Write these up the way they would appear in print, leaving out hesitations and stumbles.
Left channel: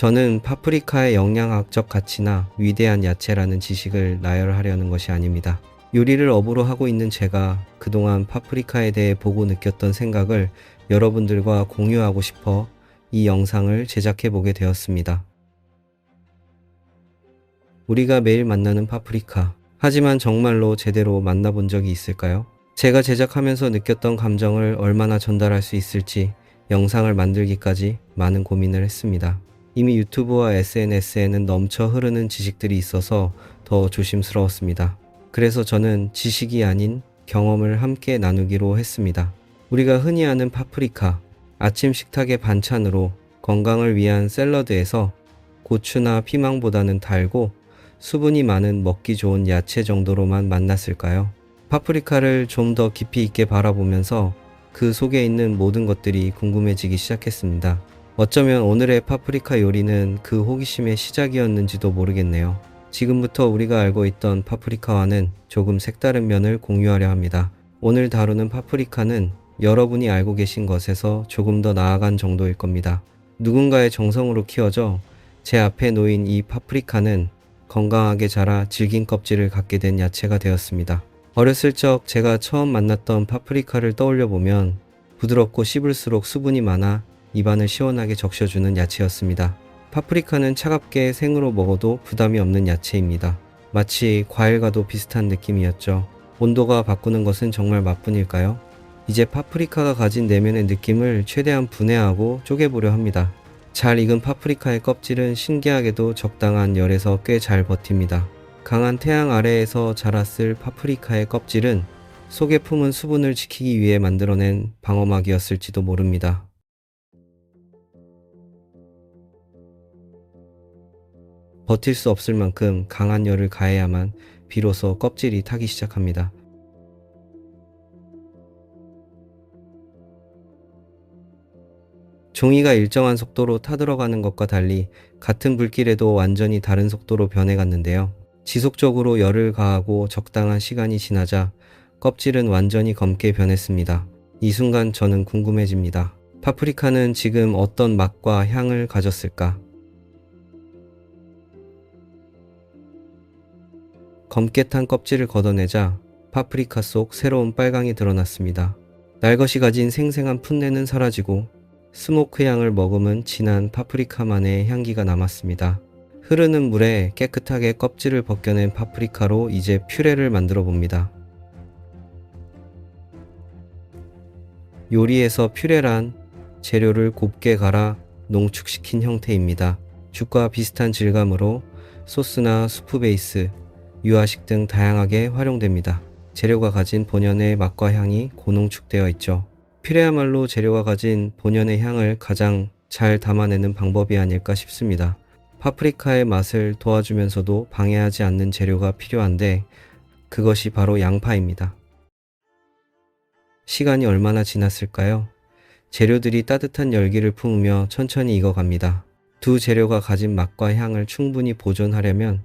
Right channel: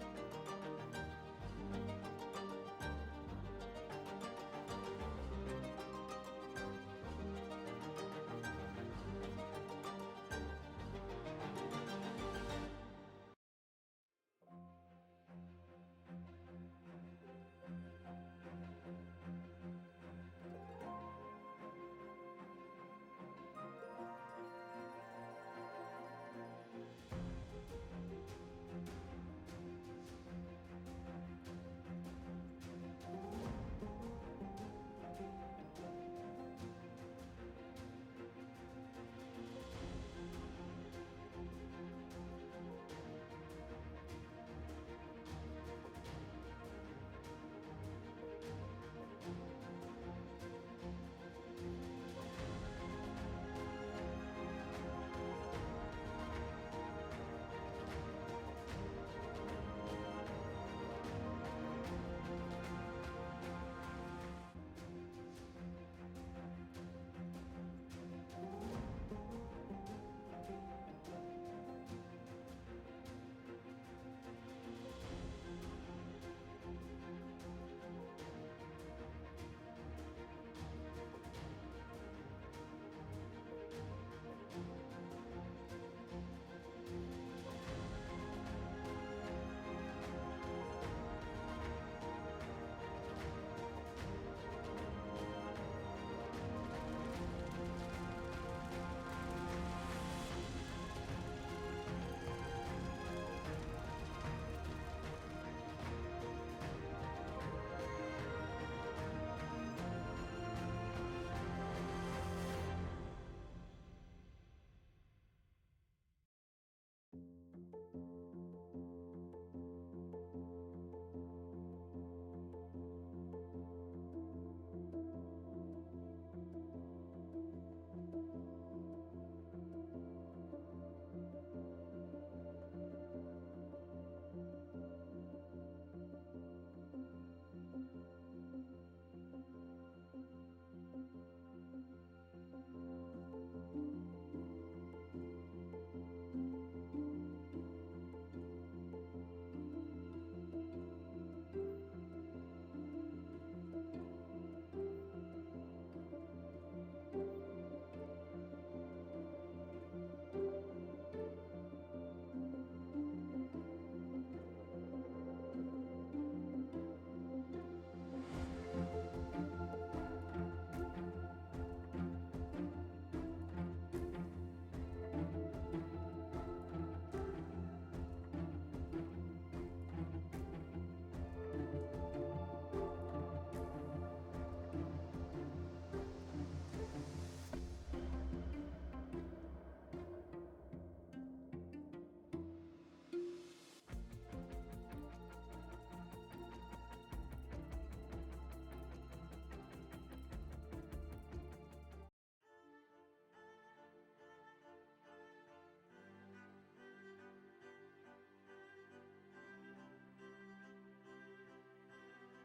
저는 파프리카의 영양학적 가치나 위대한 야채라는 지식을 나열하려는 것이 아닙니다. 요리를 업으로 하고 있는 제가 그동안 파프리카에 대해 보고 느꼈던 생각을 여러분들과 공유하고 싶어 이 영상을 제작해 보게 되었습니다. 우리가 매일 만나는 파프리카. 하지만 정말로 제대로 만나본 적이 있을까요? 제가 제작하면서 느꼈던 감정을 얼마나 전달할 수 있을지 영상을 만들기까지 많은 고민을 했습니다. 이미 유튜브와 SNS에는 넘쳐 흐르는 지식들이 있어서 더 조심스러웠습니다. 그래서 저는 지식이 아닌 경험을 함께 나누기로 했습니다. 우리가 흔히 아는 파프리카, 아침 식탁의 반찬으로 건강을 위한 샐러드에서 고추나 피망보다는 달고 수분이 많은 먹기 좋은 야채 정도로만 만났을까요? 파프리카를 좀 더 깊이 있게 바라보면서 그 속에 있는 모든 것들이 궁금해지기 시작했습니다. 어쩌면 오늘의 파프리카 요리는 그 호기심의 시작이었는지도 모르겠네요. 지금부터 우리가 알고 있던 파프리카와는 조금 색다른 면을 공유하려 합니다. 오늘 다루는 파프리카는 여러분이 알고 계신 것에서 조금 더 나아간 정도일 겁니다. 누군가의 정성으로 키워져 제 앞에 놓인 이 파프리카는 건강하게 자라 질긴 껍질을 갖게 된 야채가 되었습니다. 어렸을 적 제가 처음 만났던 파프리카를 떠올려 보면 부드럽고 씹을수록 수분이 많아 입안을 시원하게 적셔주는 야채였습니다. 파프리카는 차갑게 생으로 먹어도 부담이 없는 야채입니다. 마치 과일과도 비슷한 느낌이었죠. 온도가 바꾸는 것은 정말 맛뿐일까요? 이제 파프리카가 가진 내면의 느낌을 최대한 분해하고 쪼개보려 합니다. 잘 익은 파프리카의 껍질은 신기하게도 적당한 열에서 꽤 잘 버팁니다. 강한 태양 아래에서 자랐을 파프리카의 껍질은 속에 품은 수분을 지키기 위해 만들어낸 방어막이었을지도 모릅니다. 버틸 수 없을 만큼 강한 열을 가해야만 비로소 껍질이 타기 시작합니다. 종이가 일정한 속도로 타들어가는 것과 달리 같은 불길에도 완전히 다른 속도로 변해갔는데요. 지속적으로 열을 가하고 적당한 시간이 지나자 껍질은 완전히 검게 변했습니다. 이 순간 저는 궁금해집니다. 파프리카는 지금 어떤 맛과 향을 가졌을까? 검게 탄 껍질을 걷어내자 파프리카 속 새로운 빨강이 드러났습니다. 날것이 가진 생생한 풋내는 사라지고 스모크 향을 머금은 진한 파프리카만의 향기가 남았습니다. 흐르는 물에 깨끗하게 껍질을 벗겨낸 파프리카로 이제 퓨레를 만들어 봅니다. 요리에서 퓨레란 재료를 곱게 갈아 농축시킨 형태입니다. 죽과 비슷한 질감으로 소스나 수프 베이스, 유화식 등 다양하게 활용됩니다. 재료가 가진 본연의 맛과 향이 고농축되어 있죠. 퓨레야말로 재료가 가진 본연의 향을 가장 잘 담아내는 방법이 아닐까 싶습니다. 파프리카의 맛을 도와주면서도 방해하지 않는 재료가 필요한데 그것이 바로 양파입니다. 시간이 얼마나 지났을까요? 재료들이 따뜻한 열기를 품으며 천천히 익어갑니다. 두 재료가 가진 맛과 향을 충분히 보존하려면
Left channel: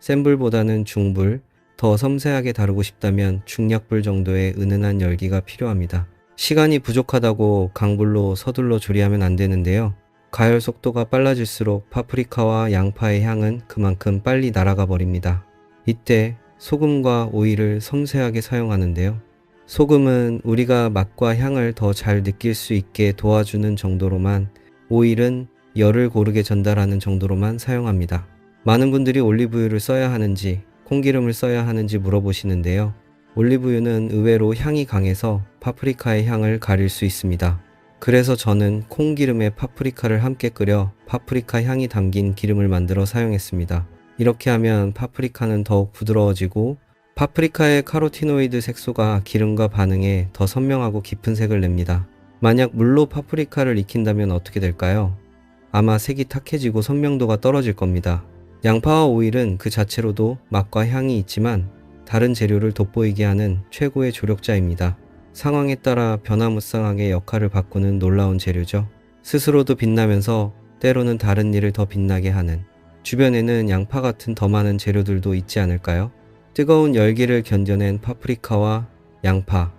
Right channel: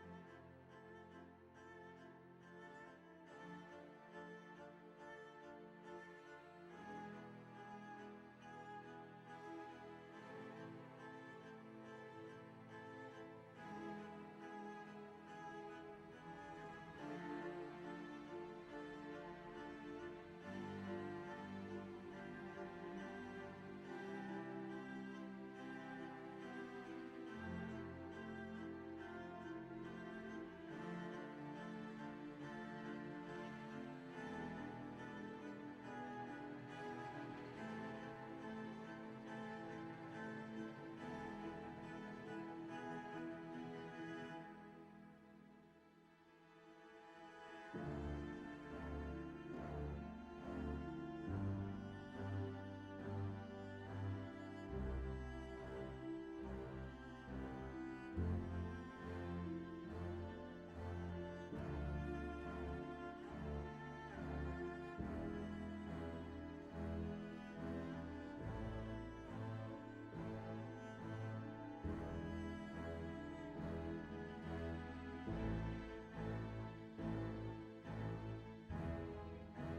센 불보다는 중불, 더 섬세하게 다루고 싶다면 중약불 정도의 은은한 열기가 필요합니다. 시간이 부족하다고 강불로 서둘러 조리하면 안 되는데요. 가열 속도가 빨라질수록 파프리카와 양파의 향은 그만큼 빨리 날아가 버립니다. 이때 소금과 오일을 섬세하게 사용하는데요. 소금은 우리가 맛과 향을 더 잘 느낄 수 있게 도와주는 정도로만, 오일은 열을 고르게 전달하는 정도로만 사용합니다. 많은 분들이 올리브유를 써야 하는지 콩기름을 써야 하는지 물어보시는데요. 올리브유는 의외로 향이 강해서 파프리카의 향을 가릴 수 있습니다. 그래서 저는 콩기름에 파프리카를 함께 끓여 파프리카 향이 담긴 기름을 만들어 사용했습니다. 이렇게 하면 파프리카는 더욱 부드러워지고 파프리카의 카로티노이드 색소가 기름과 반응해 더 선명하고 깊은 색을 냅니다. 만약 물로 파프리카를 익힌다면 어떻게 될까요? 아마 색이 탁해지고 선명도가 떨어질 겁니다. 양파와 오일은 그 자체로도 맛과 향이 있지만 다른 재료를 돋보이게 하는 최고의 조력자입니다. 상황에 따라 변화무쌍하게 역할을 바꾸는 놀라운 재료죠. 스스로도 빛나면서 때로는 다른 일을 더 빛나게 하는, 주변에는 양파 같은 더 많은 재료들도 있지 않을까요? 뜨거운 열기를 견뎌낸 파프리카와 양파,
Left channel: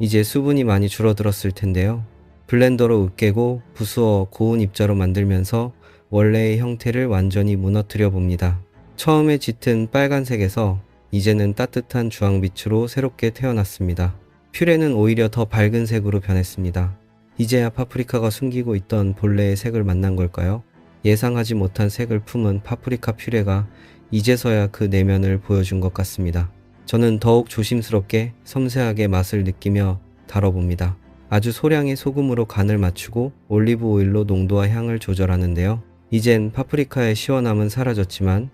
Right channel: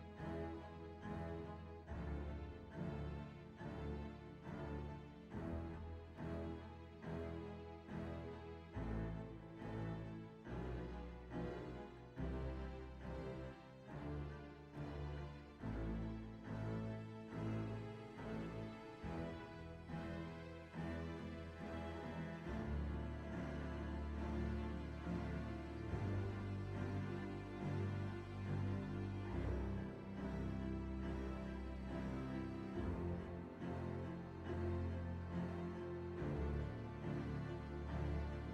이제 수분이 많이 줄어들었을 텐데요. 블렌더로 으깨고 부수어 고운 입자로 만들면서 원래의 형태를 완전히 무너뜨려 봅니다. 처음에 짙은 빨간색에서 이제는 따뜻한 주황빛으로 새롭게 태어났습니다. 퓨레는 오히려 더 밝은 색으로 변했습니다. 이제야 파프리카가 숨기고 있던 본래의 색을 만난 걸까요? 예상하지 못한 색을 품은 파프리카 퓨레가 이제서야 그 내면을 보여준 것 같습니다. 저는 더욱 조심스럽게 섬세하게 맛을 느끼며 다뤄봅니다. 아주 소량의 소금으로 간을 맞추고 올리브 오일로 농도와 향을 조절하는데요. 이젠 파프리카의 시원함은 사라졌지만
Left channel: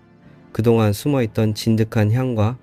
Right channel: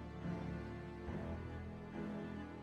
그동안 숨어있던 진득한 향과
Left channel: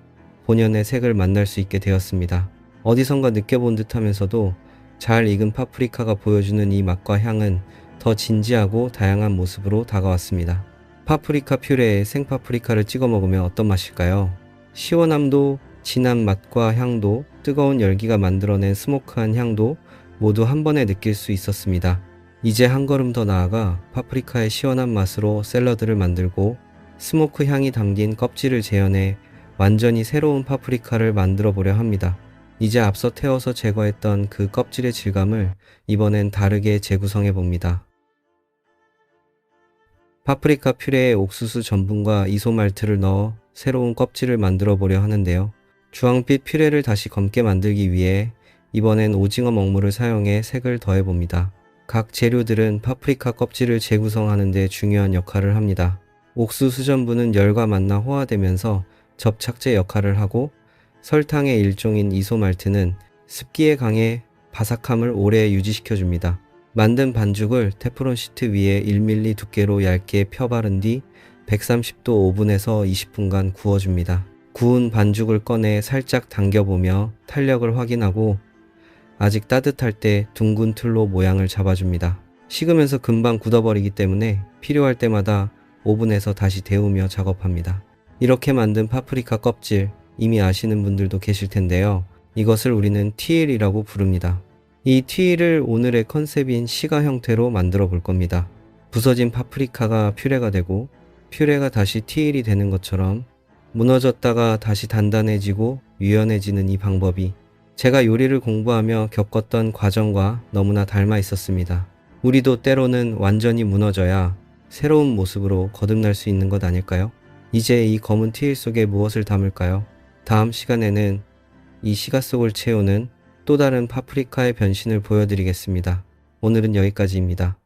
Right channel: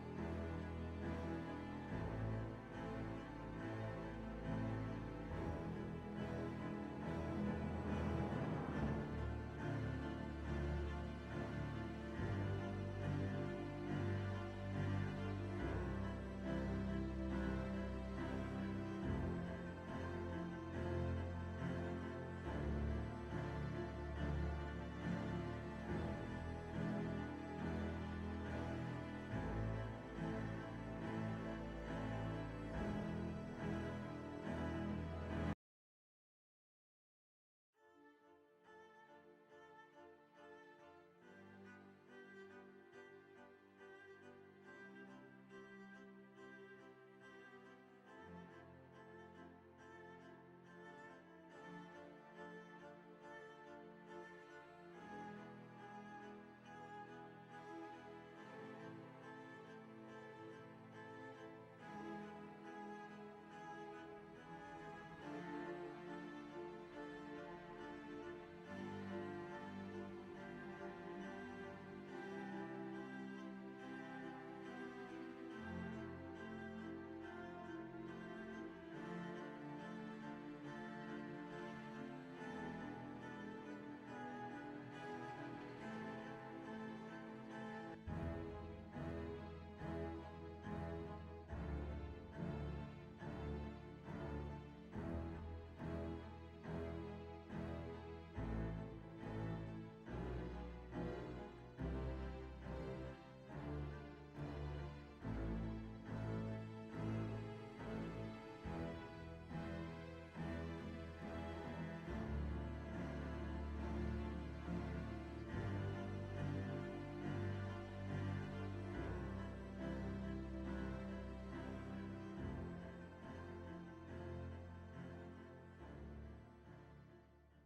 본연의 색을 만날 수 있게 되었습니다. 어디선가 느껴본 듯하면서도 잘 익은 파프리카가 보여주는 이 맛과 향은 더 진지하고 다양한 모습으로 다가왔습니다. 파프리카 퓨레에 생파프리카를 찍어 먹으면 어떤 맛일까요? 시원함도, 진한 맛과 향도, 뜨거운 열기가 만들어낸 스모크한 향도 모두 한 번에 느낄 수 있었습니다. 이제 한 걸음 더 나아가 파프리카의 시원한 맛으로 샐러드를 만들고 스모크 향이 담긴 껍질을 재현해 완전히 새로운 파프리카를 만들어 보려 합니다. 이제 앞서 태워서 제거했던 그 껍질의 질감을 이번엔 다르게 재구성해 봅니다. 파프리카 퓨레에 옥수수 전분과 이소말트를 넣어 새로운 껍질을 만들어 보려 하는데요. 주황빛 퓨레를 다시 검게 만들기 위해 이번엔 오징어 먹물을 사용해 색을 더해 봅니다. 각 재료들은 파프리카 껍질을 재구성하는 데 중요한 역할을 합니다. 옥수수 전분은 열과 만나 호화되면서 접착제 역할을 하고 설탕의 일종인 이소말트는 습기에 강해 바삭함을 오래 유지시켜줍니다. 만든 반죽을 테프론 시트 위에 1mm 두께로 얇게 펴 바른 뒤 130도 오븐에서 20분간 구워줍니다. 구운 반죽을 꺼내 살짝 당겨보며 탄력을 확인하고 아직 따뜻할 때 둥근 틀로 모양을 잡아줍니다. 식으면서 금방 굳어버리기 때문에 필요할 때마다 오븐에서 다시 데우며 작업합니다. 이렇게 만든 파프리카 껍질, 이미 아시는 분들도 계실 텐데요. 이것을 우리는 티일이라고 부릅니다. 이 티일을 오늘의 컨셉인 시가 형태로 만들어 볼 겁니다. 부서진 파프리카가 퓨레가 되고 퓨레가 다시 티일이 되는 것처럼 무너졌다가 다시 단단해지고 유연해지는 이 방법이 제가 요리를 공부하며 겪었던 과정과 너무나 닮아 있었습니다. 우리도 때로는 완전히 무너져야 새로운 모습으로 거듭날 수 있는 것 아닐까요? 이제 이 검은 티일 속에 무엇을 담을까요? 다음 시간에는 이 시가 속을 채우는 또 다른 파프리카의 변신을 보여드리겠습니다. 오늘은 여기까지입니다.